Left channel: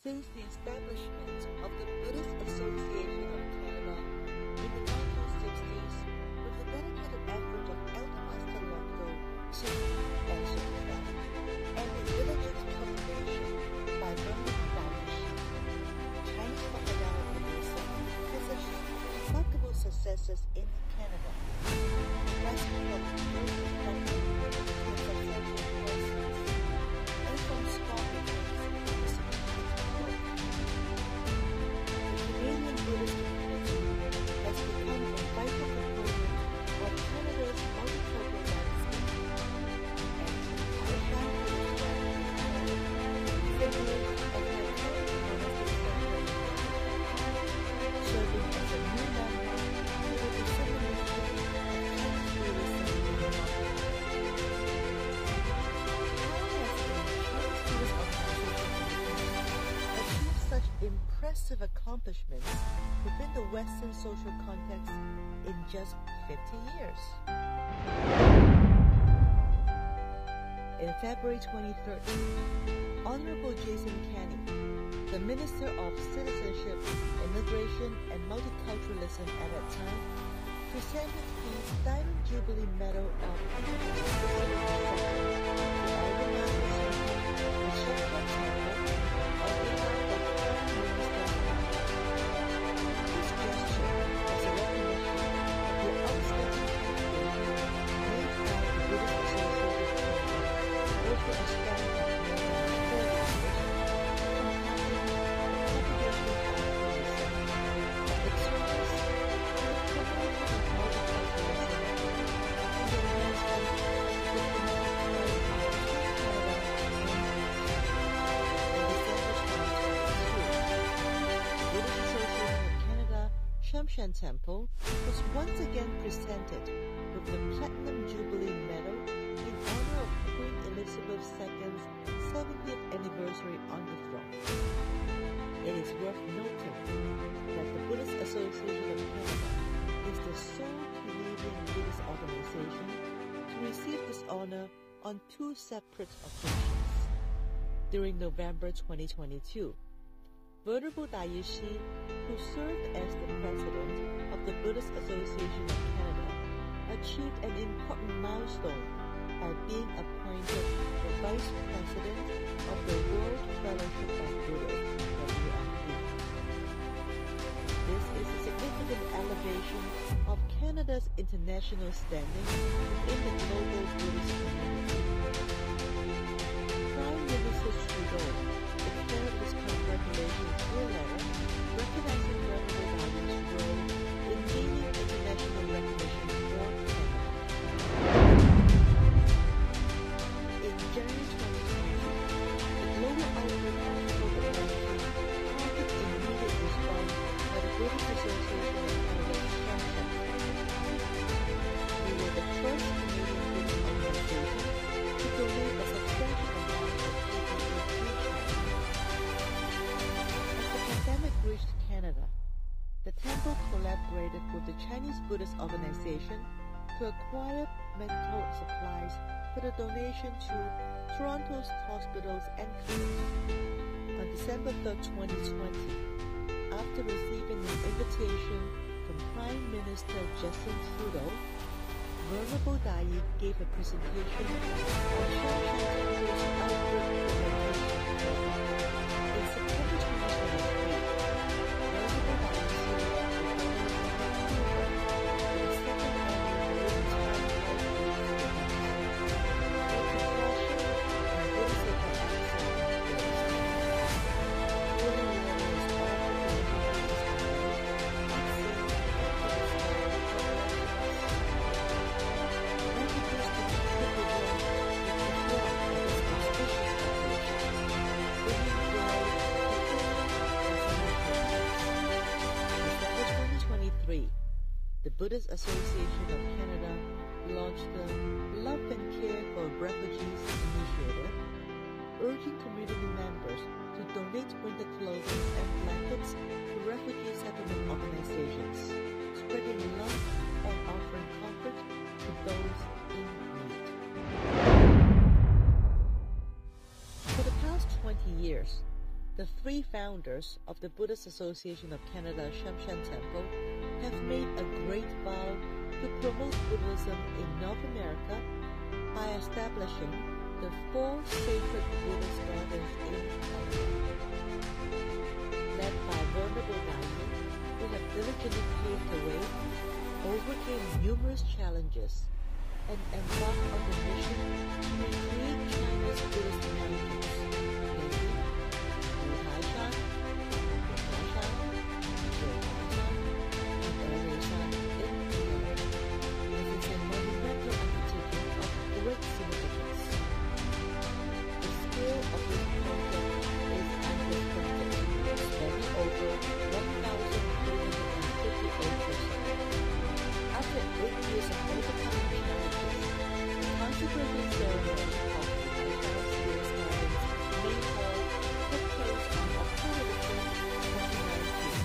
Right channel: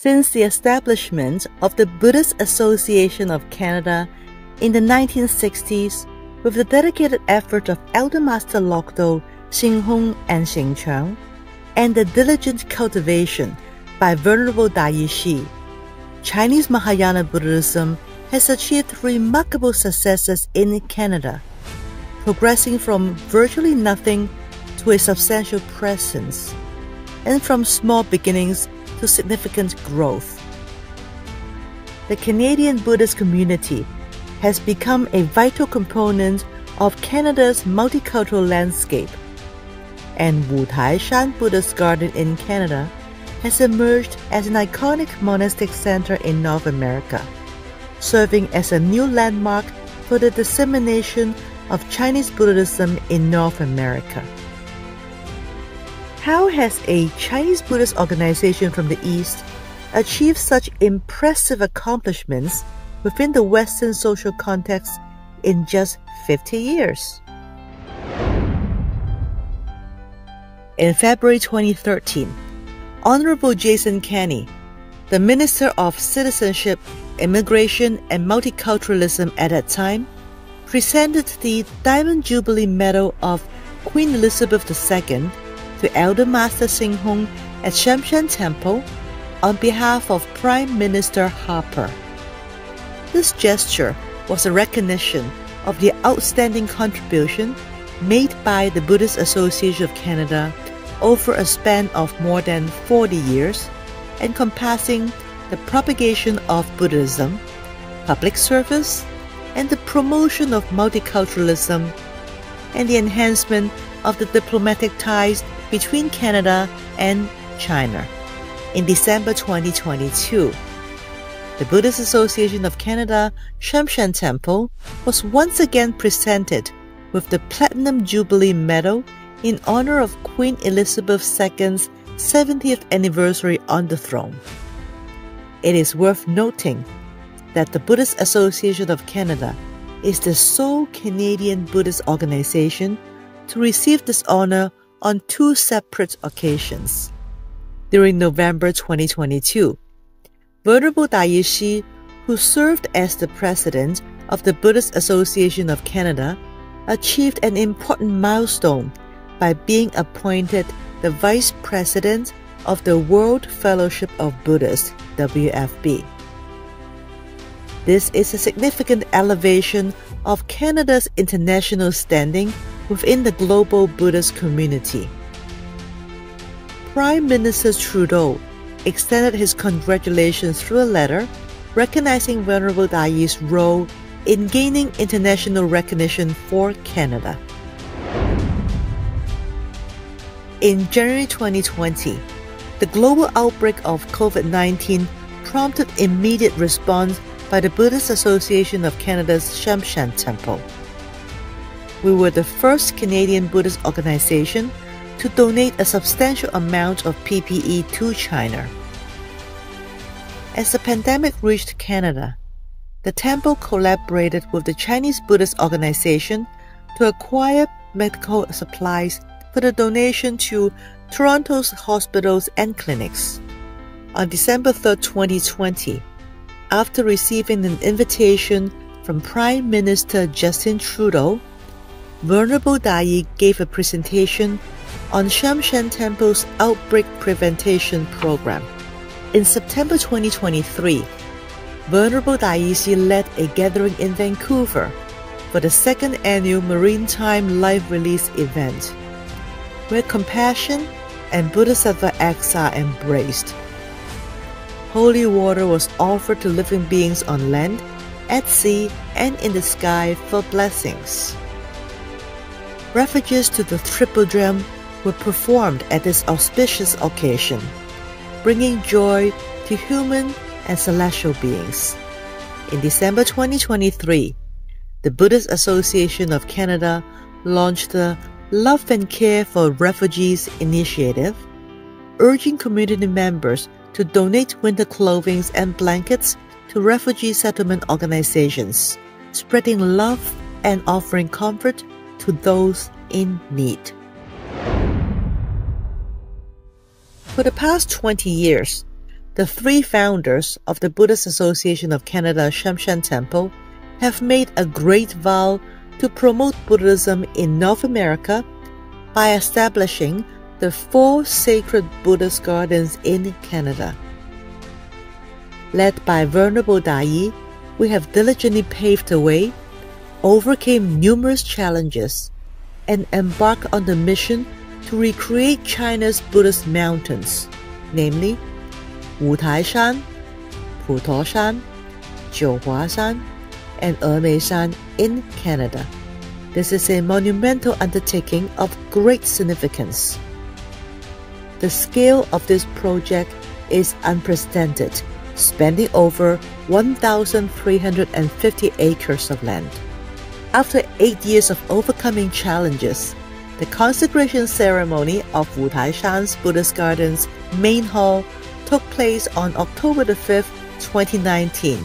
Since the establishment of the Buddhist Association of Canada in the 1960s, with the dedicated effort of Elder Master Lokdo, Xinghong and Xingcheng, and the diligent cultivation by Venerable Daiyi, Chinese Mahayana Buddhism has achieved remarkable successes in Canada, progressing from virtually nothing to a substantial presence, and from small beginnings to significant growth. The Canadian Buddhist community has become a vital component of Canada's multicultural landscape, and Wu Tai Shan Buddhist Garden in Canada has emerged as an iconic monastic center in North America, serving as a new landmark for the dissemination of Chinese Buddhism in North America. How has a Chinese Buddhist organization from the East achieved such impressive accomplishments within the Western social context in just 50 years? In February 2013, Honorable Jason Kenney, the Minister of Citizenship, Immigration and Multiculturalism at that time, presented the Diamond Jubilee Medal of Queen Elizabeth II to Elder Master Xinghong at Shamshan Temple on behalf of Prime Minister Harper. This gesture was a recognition of the outstanding contribution made by the Buddhist Association of Canada over a span of more than 40 years, encompassing the propagation of Buddhism, public service, and the promotion of multiculturalism, and the enhancement of the diplomatic ties between Canada and China. In December 2022, the Buddhist Association of Canada Shamshan Temple was once again presented with the Platinum Jubilee Medal in honor of Queen Elizabeth II's 70th anniversary on the throne. It is worth noting that the Buddhist Association of Canada is the sole Canadian Buddhist organization to receive this honor on two separate occasions. During November 2022, Venerable Daiyi, who served as the president of the Buddhist Association of Canada, achieved an important milestone by being appointed the vice president of the World Fellowship of Buddhists, WFB. This is a significant elevation of Canada's international standing within the global Buddhist community. Prime Minister Trudeau extended his congratulations through a letter recognizing Venerable Daiyi's role in gaining international recognition for Canada. In January 2020, the global outbreak of COVID-19 prompted immediate response by the Buddhist Association of Canada's Shamshan Temple. We were the first Canadian Buddhist organization to donate a substantial amount of PPE to China. As the pandemic reached Canada, the temple collaborated with the Chinese Buddhist organization to acquire medical supplies for the donation to Toronto's hospitals and clinics. On December 3, 2020, after receiving an invitation from Prime Minister Justin Trudeau, Venerable Daiyi gave a presentation on Shamshan Temple's Outbreak Prevention Program. In September 2023, Venerable Daiyi led a gathering in Vancouver for the second annual Maritime Life Release event, where compassion and Bodhisattva acts are embraced. Holy water was offered to living beings on land, at sea, and in the sky for blessings. Refuges to the Triple Gem were performed at this auspicious occasion, bringing joy to human and celestial beings. In December 2023, the Buddhist Association of Canada launched the Love and Care for Refugees initiative, urging community members to donate winter clothing and blankets to refugee settlement organizations, spreading love and offering comfort to those in need. For the past 20 years, the three founders of the Buddhist Association of Canada Shamshan Temple have made a great vow to promote Buddhism in North America by establishing the 4 sacred Buddhist gardens in Canada. Led by Venerable Dai, we have diligently paved the way, overcame numerous challenges, and embarked on the mission to recreate China's Buddhist mountains, namely Wutaishan, Putoshan, Jiuhuashan, and Emeishan in Canada. This is a monumental undertaking of great significance. The scale of this project is unprecedented, spanning over 1,350 acres of land. After 8 years of overcoming challenges, the consecration ceremony of Wutaishan's Buddhist Gardens main hall took place on October 5, 2019,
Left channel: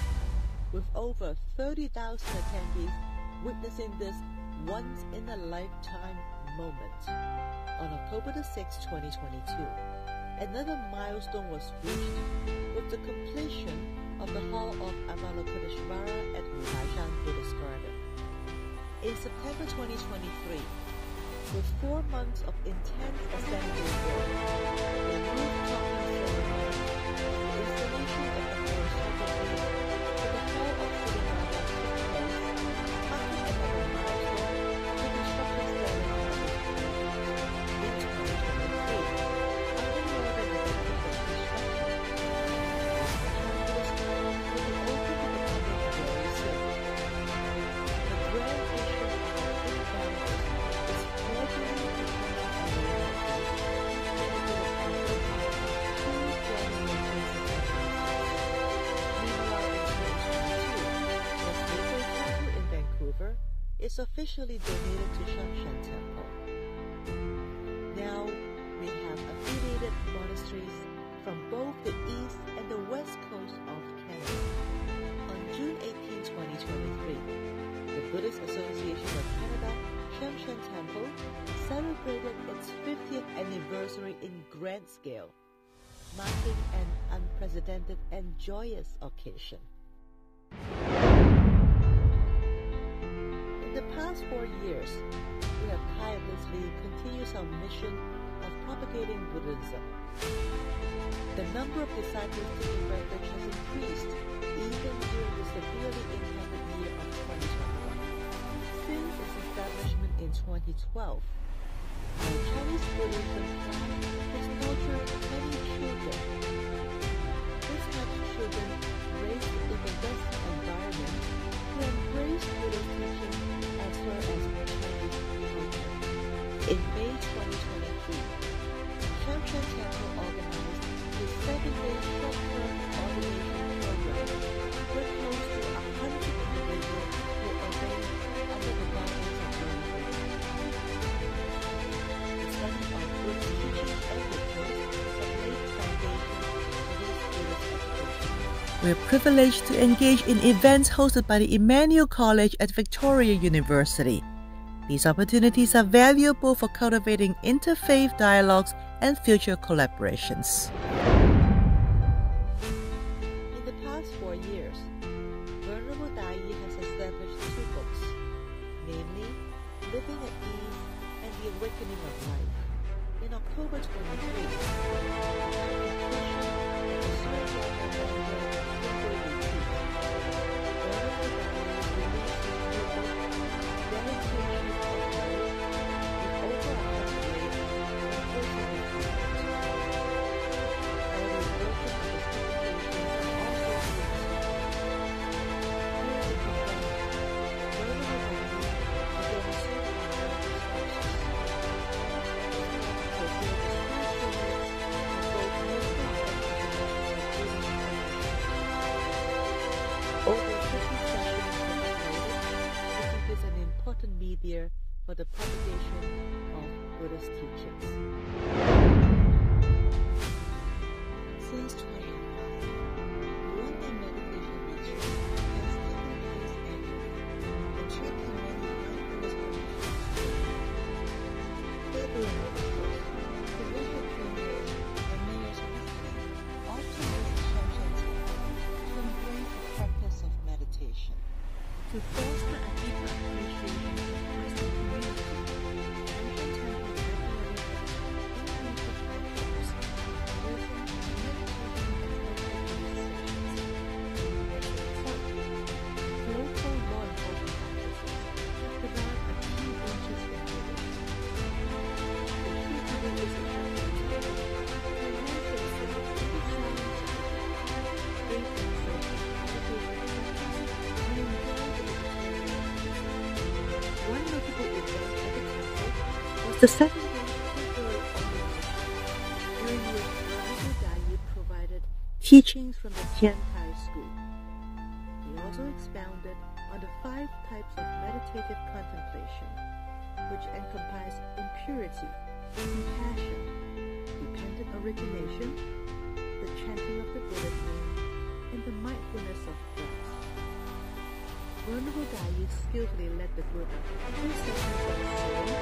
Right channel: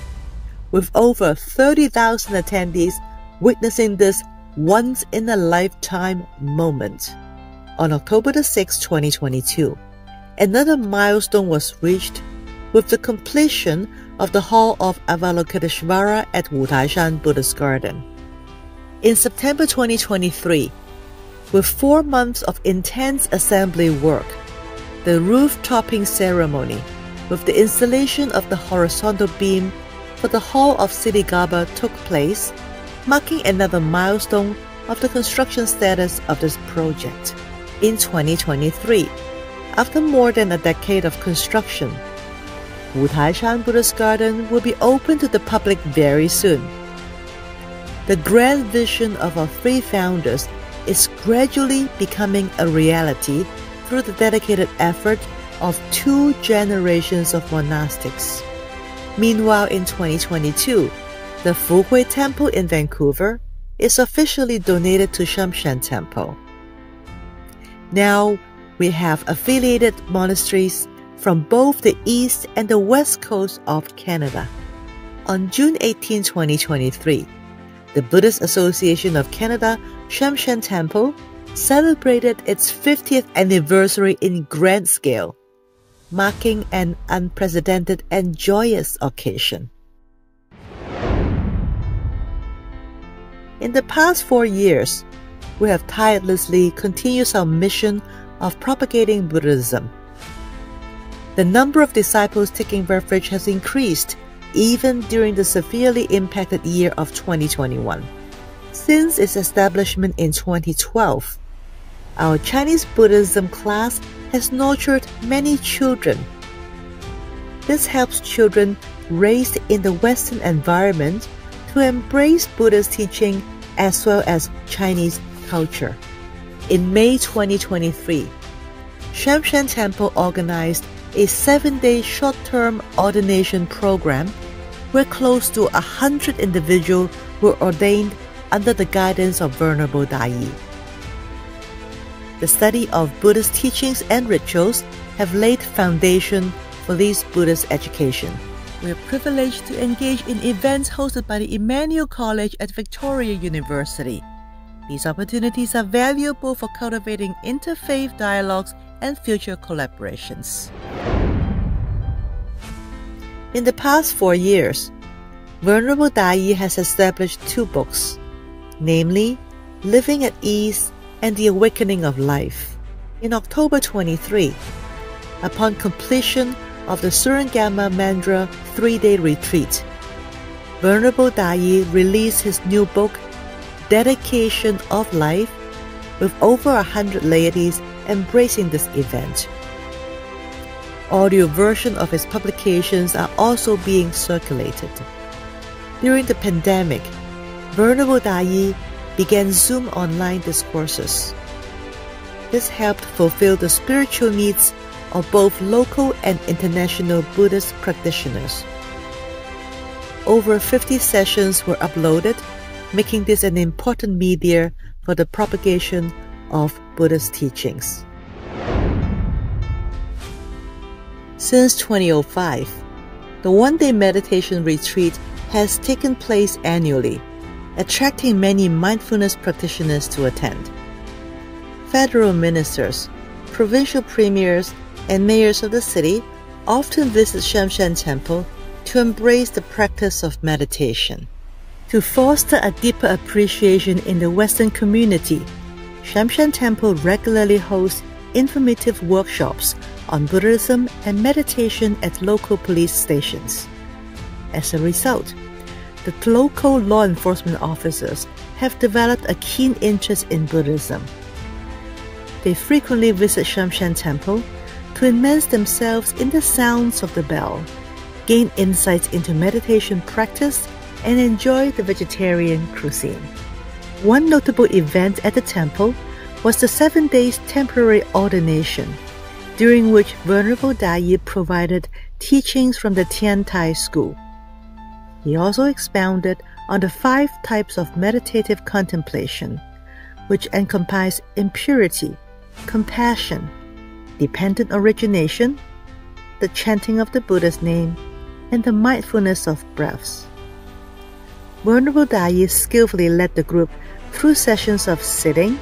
with over 30,000 attendees witnessing this once-in-a-lifetime moment. On October 6, 2022, another milestone was reached with the completion of the Hall of Avalokiteshvara at Wutaishan Buddhist Garden. In September 2023, with 4 months of intense assembly work, the roof-topping ceremony with the installation of the horizontal beam for the Hall of Siddhigarbha took place, marking another milestone of the construction status of this project. In 2023, after more than a decade of construction, Wutaishan Buddhist Garden will be open to the public very soon. The grand vision of our 3 founders is gradually becoming a reality through the dedicated effort of 2 generations of monastics. Meanwhile, in 2022, the Fuhui Temple in Vancouver is officially donated to Shamshan Temple. Now, we have affiliated monasteries from both the east and the west coast of Canada. On June 18, 2023, the Buddhist Association of Canada Shamshan Temple celebrated its 50th anniversary in grand scale, marking an unprecedented and joyous occasion. In the past 4 years, we have tirelessly continued our mission of propagating Buddhism. The number of disciples taking refuge has increased even during the severely impacted year of 2021. Since its establishment in 2012, our Chinese Buddhism class has nurtured many children. This helps children raised in the Western environment to embrace Buddhist teaching as well as Chinese culture. In May 2023, Shamshan Temple organized a 7-day short-term ordination program where close to 100 individuals were ordained under the guidance of Venerable Dai. The study of Buddhist teachings and rituals have laid foundation for this Buddhist education. We are privileged to engage in events hosted by the Emmanuel College at Victoria University. These opportunities are valuable for cultivating interfaith dialogues and future collaborations. In the past 4 years, Venerable Dai has established 2 books, namely Living at Ease and The Awakening of Life. In October 23, upon completion of the Surangama Mandra 3-day retreat, Venerable Dai released his new book, Dedication of Life, with over 100 ladies embracing this event. Audio versions of his publications are also being circulated. During the pandemic, Venerable Dai began Zoom online discourses. This helped fulfill the spiritual needs of both local and international Buddhist practitioners. Over 50 sessions were uploaded, making this an important media for the propagation of Buddhist teachings. Since 2005, the one-day meditation retreat has taken place annually, attracting many mindfulness practitioners to attend. Federal ministers, provincial premiers, and mayors of the city often visit Shamshan Temple to embrace the practice of meditation. To foster a deeper appreciation in the Western community, Shamshan Temple regularly hosts informative workshops on Buddhism and meditation at local police stations. As a result, the local law enforcement officers have developed a keen interest in Buddhism. They frequently visit Shamshan Temple to immerse themselves in the sounds of the bell, gain insights into meditation practice, and enjoy the vegetarian cuisine. One notable event at the temple was the 7 days temporary ordination, during which Venerable Dai provided teachings from the Tian Tai school. He also expounded on the 5 types of meditative contemplation, which encompass impurity, compassion, dependent origination, the chanting of the Buddha's name, and the mindfulness of breaths. Venerable Dai skillfully led the group through sessions of sitting,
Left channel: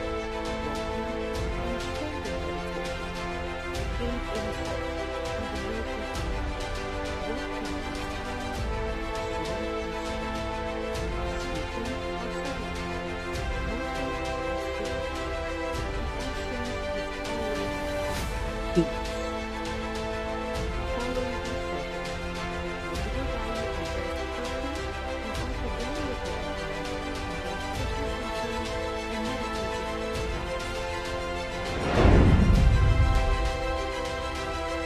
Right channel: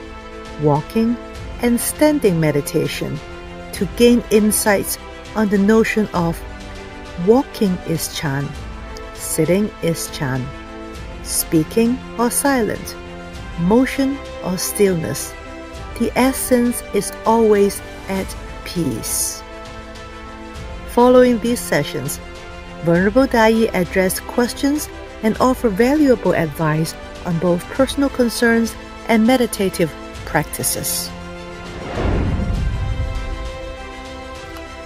walking, and standing meditation to gain insights on the notion of walking is Chan, sitting is Chan, speaking or silent, motion or stillness. The essence is always at peace. Following these sessions, Venerable Dai addressed questions and offered valuable advice on both personal concerns and meditative practices.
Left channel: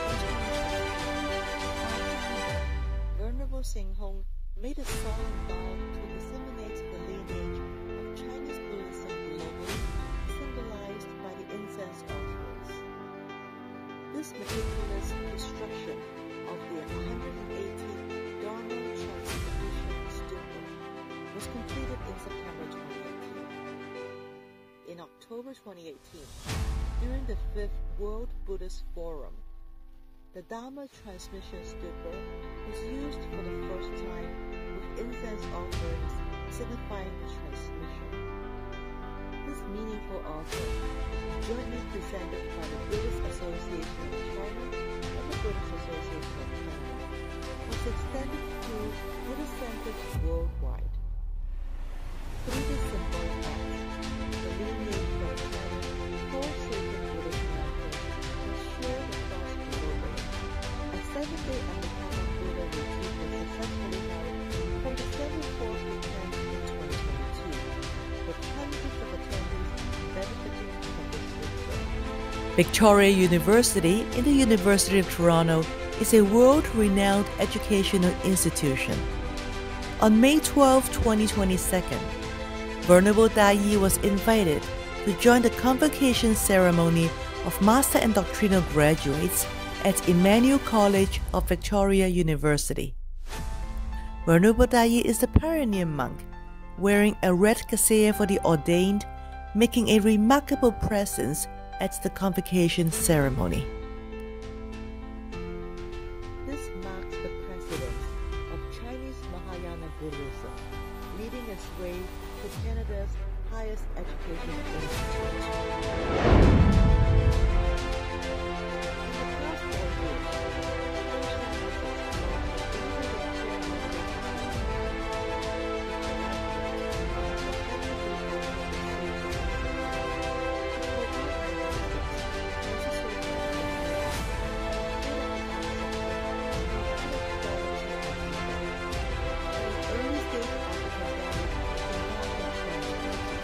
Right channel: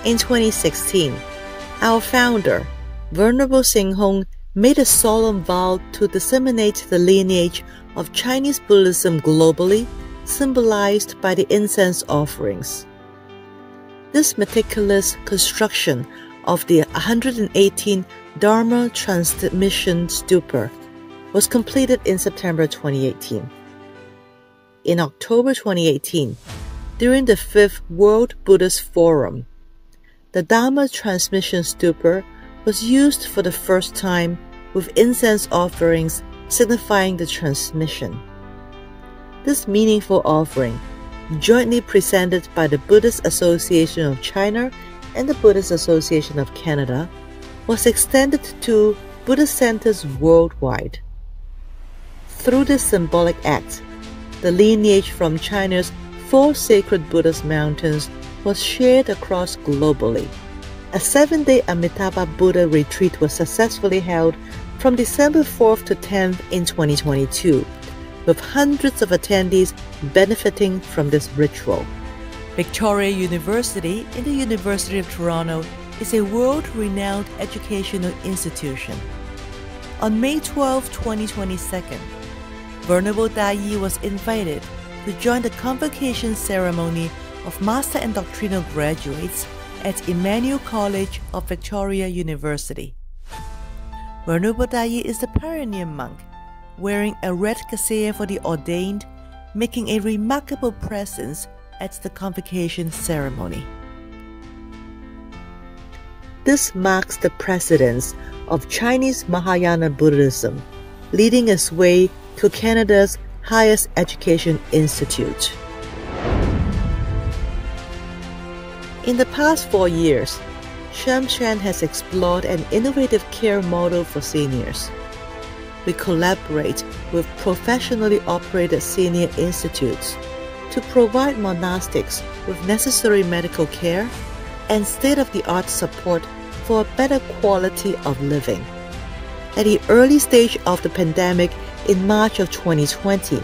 In 2016, our founder, Venerable Xinghong, made a solemn vow to disseminate the lineage of Chinese Buddhism globally, symbolized by the incense offerings. This meticulous construction of the 118 Dharma transmission stupa was completed in September 2018. In October 2018, during the 5th World Buddhist Forum, the Dharma transmission stupa was used for the first time with incense offerings signifying the transmission. This meaningful offering, jointly presented by the Buddhist Association of China and the Buddhist Association of Canada, was extended to Buddhist centers worldwide. Through this symbolic act, the lineage from China's 4 sacred Buddhist mountains was shared across globally. A 7-day Amitabha Buddha retreat was successfully held from December 4th to 10th in 2022, with hundreds of attendees benefiting from this ritual. Victoria University in the University of Toronto is a world-renowned educational institution. On May 12, 2022, Venerable Dai was invited to join the convocation ceremony of Master and Doctrinal graduates at Emmanuel College of Victoria University. Venerable Dai is the pioneer monk, wearing a red cassia for the ordained, making a remarkable presence at the convocation ceremony. This marks the precedence of Chinese Mahayana Buddhism, leading its way to Canada's highest education institute. In the past 4 years, Shamshan has explored an innovative care model for seniors. We collaborate with professionally operated senior institutes to provide monastics with necessary medical care and state-of-the-art support for a better quality of living. At the early stage of the pandemic in March of 2020,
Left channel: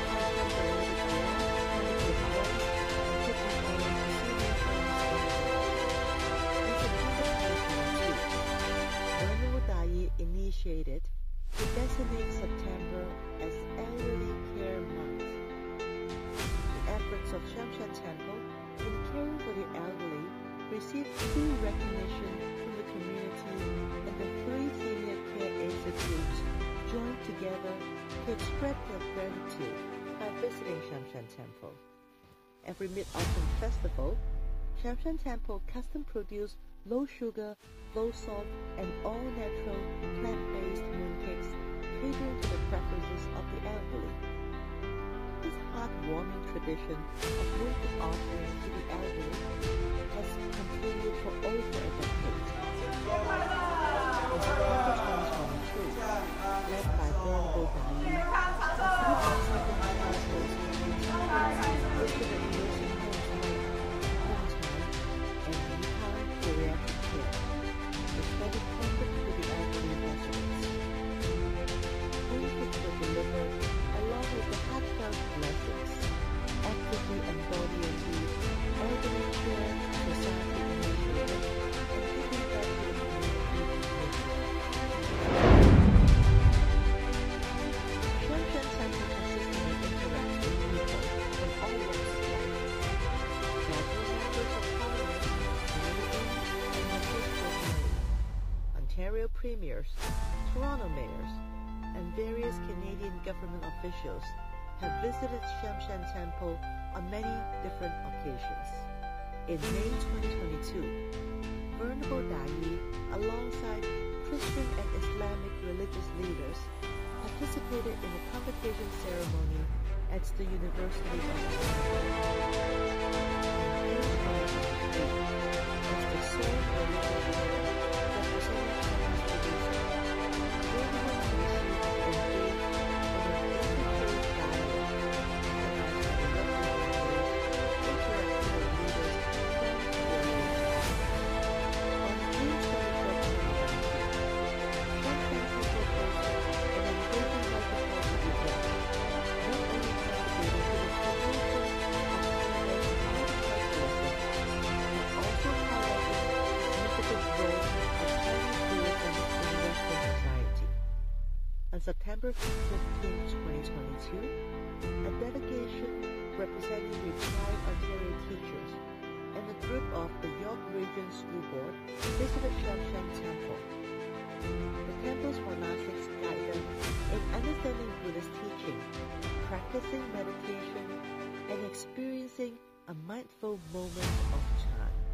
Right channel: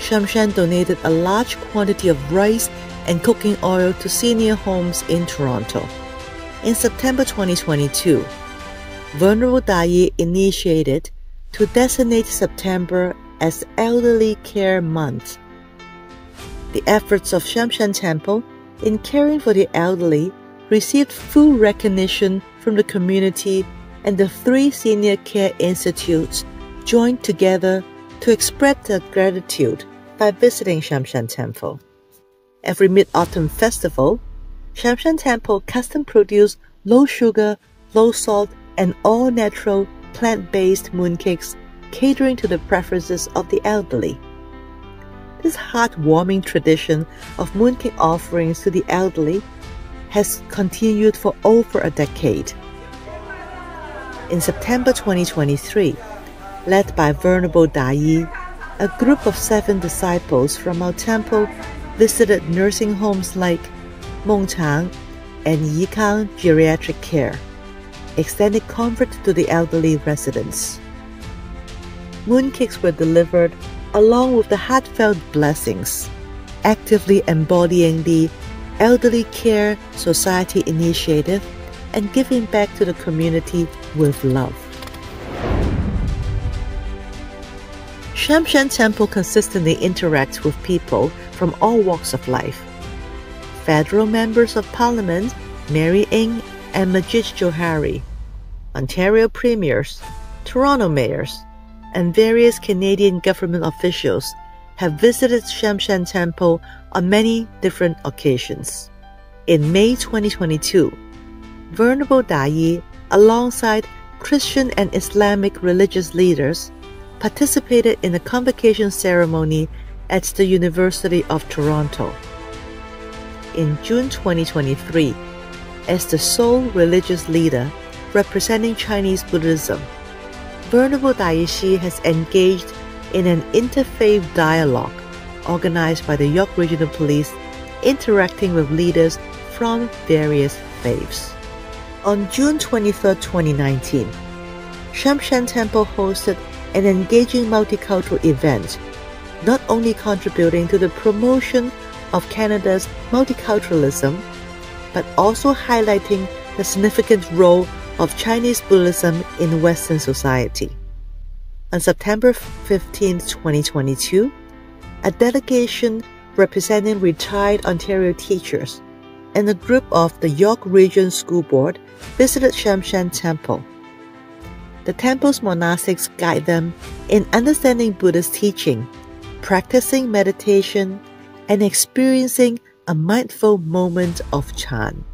Shamshan donated a large quantity of rice and cooking oil to senior homes in Toronto. In September 2022, Venerable Dai initiated to designate September as Elderly Care Month. The efforts of Shamshan Temple in caring for the elderly received full recognition from the community, and the 3 senior care institutes joined together to express their gratitude by visiting Shamshan Temple. Every Mid-Autumn Festival, Shamshan Temple custom-produced low-sugar, low-salt, and all-natural plant-based mooncakes catering to the preferences of the elderly. This heartwarming tradition of mooncake offerings to the elderly has continued for over a decade. In September 2023, led by Venerable Dai, a group of 7 disciples from our temple visited nursing homes like Mengchang and Yikang Geriatric Care, extending comfort to the elderly residents. Mooncakes were delivered along with the heartfelt blessings, actively embodying the Elderly Care Society initiative and giving back to the community with love. Shamshan Temple consistently interacts with people from all walks of life. Federal Members of Parliament Mary Ng and Majid Johari, Ontario Premiers, Toronto Mayors, and various Canadian government officials have visited Shamshan Temple on many different occasions. In May 2022, Venerable Dai, alongside Christian and Islamic religious leaders, participated in a convocation ceremony at the University of Toronto. In June 2023, as the sole religious leader representing Chinese Buddhism, Venerable Dai Shi has engaged in an interfaith dialogue organized by the York Regional Police, interacting with leaders from various faiths. On June 23, 2019, Shamshan Temple hosted an engaging multicultural event, not only contributing to the promotion of Canada's multiculturalism, but also highlighting the significant role of Chinese Buddhism in Western society. On September 15, 2022, a delegation representing retired Ontario teachers and a group of the York Region School Board visited Shamshan Temple. The temple's monastics guide them in understanding Buddhist teaching, practicing meditation, and experiencing a mindful moment of Chan.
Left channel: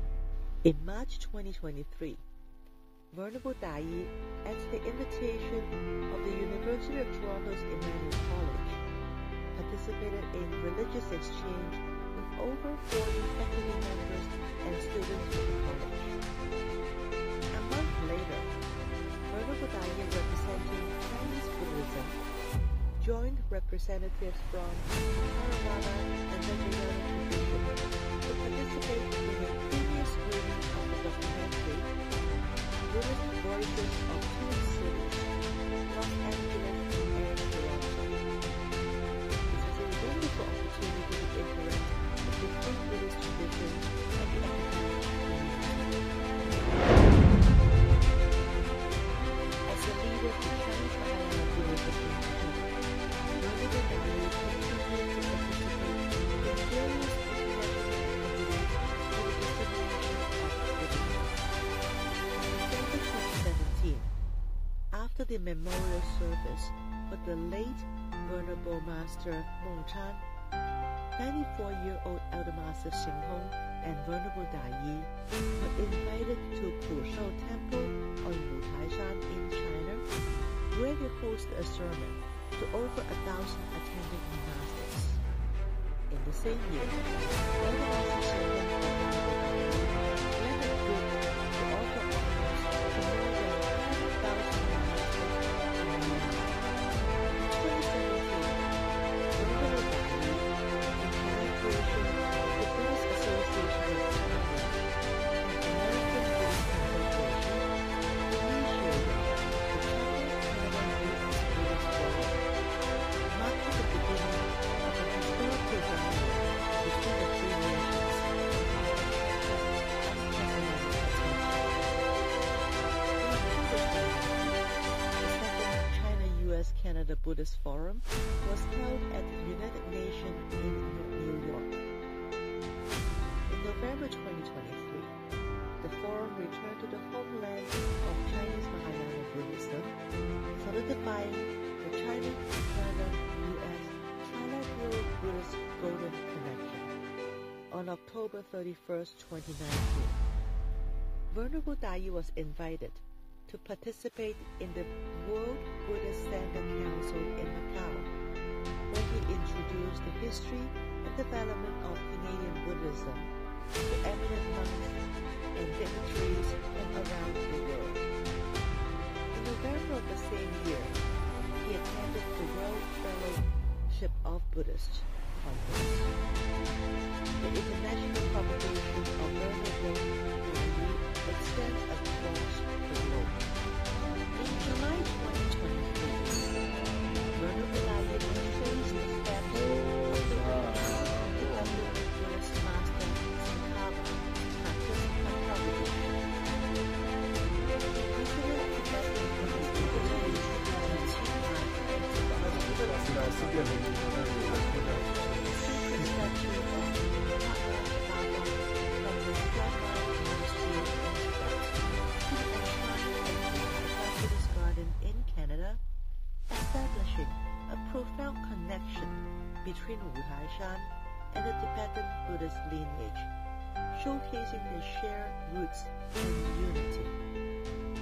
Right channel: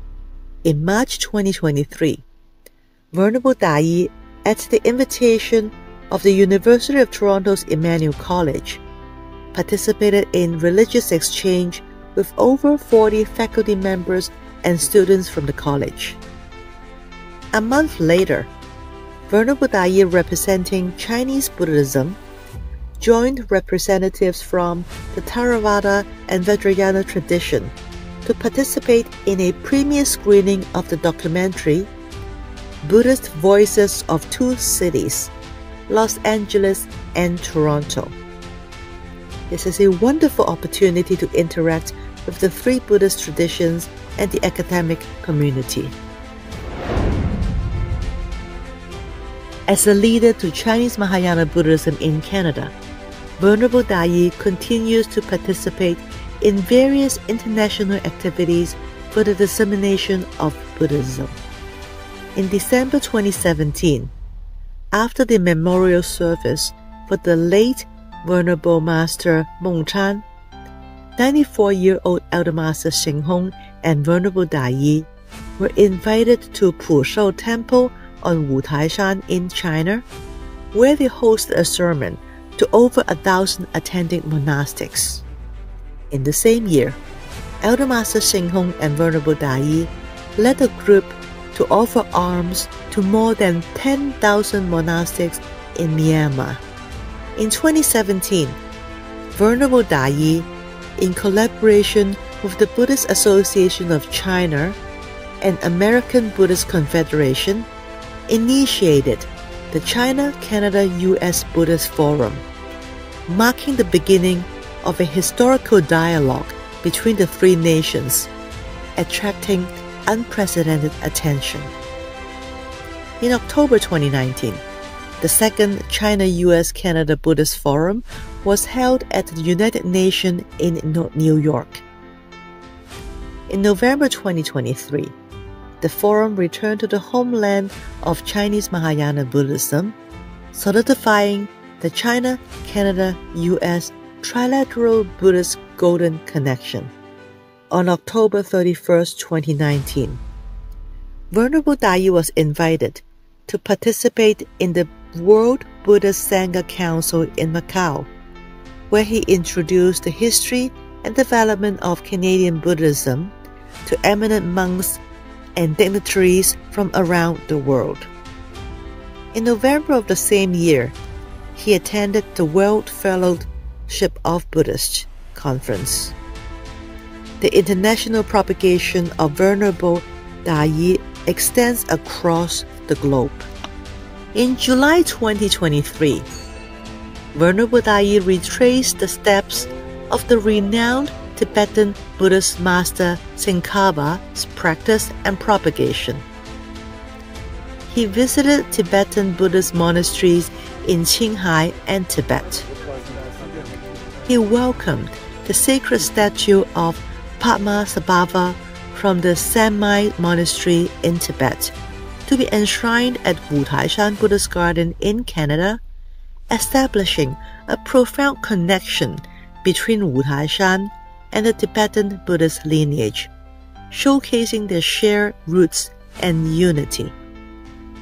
In March 2023, Venerable Dai, at the invitation of the University of Toronto's Emmanuel College, participated in religious exchange with over 40 faculty members and students from the college. A month later, Venerable Dai, representing Chinese Buddhism, joined representatives from the Theravada and Vajrayana tradition to participate in a premiere screening of the documentary Buddhist Voices of Two Cities, Los Angeles and Toronto. This is a wonderful opportunity to interact with the 3 Buddhist traditions and the academic community. As a leader to Chinese Mahayana Buddhism in Canada, Venerable Dai continues to participate in various international activities for the dissemination of Buddhism. In December 2017, after the memorial service for the late Venerable Master Mengchan, 94-year-old Elder Master Xing Hong and Venerable Dai were invited to Pushou Temple on Wutaishan in China, where they hosted a sermon to over 1,000 attending monastics. In the same year, Elder Master Xing Hong and Venerable Dai led a group to offer alms to more than 10,000 monastics in Myanmar. In 2017, Venerable Dai, in collaboration with the Buddhist Association of China and American Buddhist Confederation, initiated the China-Canada-US Buddhist Forum, marking the beginning of a historical dialogue between the 3 nations, attracting unprecedented attention. In October 2019, the second China-US-Canada Buddhist Forum was held at the United Nations in New York. In November 2023, the forum returned to the homeland of Chinese Mahayana Buddhism, solidifying the China-Canada-US Trilateral Buddhist Golden Connection. On October 31, 2019, Venerable Dai was invited to participate in the World Buddhist Sangha Council in Macau, where he introduced the history and development of Canadian Buddhism to eminent monks and dignitaries from around the world. In November of the same year, he attended the World Fellowship of Buddhists Conference. The international propagation of Venerable Dai extends across the globe. In July 2023, Venerable Dai retraced the steps of the renowned Tibetan Buddhist master Tsongkhapa's practice and propagation. He visited Tibetan Buddhist monasteries in Qinghai and Tibet. He welcomed the sacred statue of Padmasambhava from the Sanmai Monastery in Tibet to be enshrined at Wutaishan Buddhist Garden in Canada, establishing a profound connection between Wutaishan and the Tibetan Buddhist lineage, showcasing their shared roots and unity.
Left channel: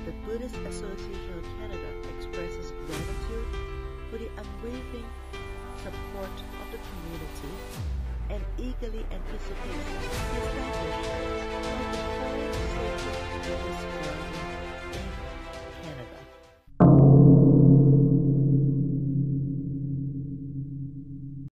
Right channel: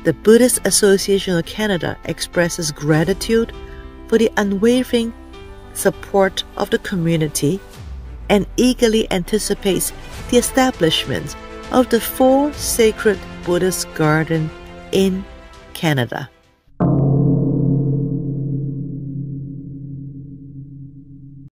The Buddhist Association of Canada expresses gratitude for the unwavering support of the community and eagerly anticipates the establishment of the 4th Sacred Buddhist Garden in Canada.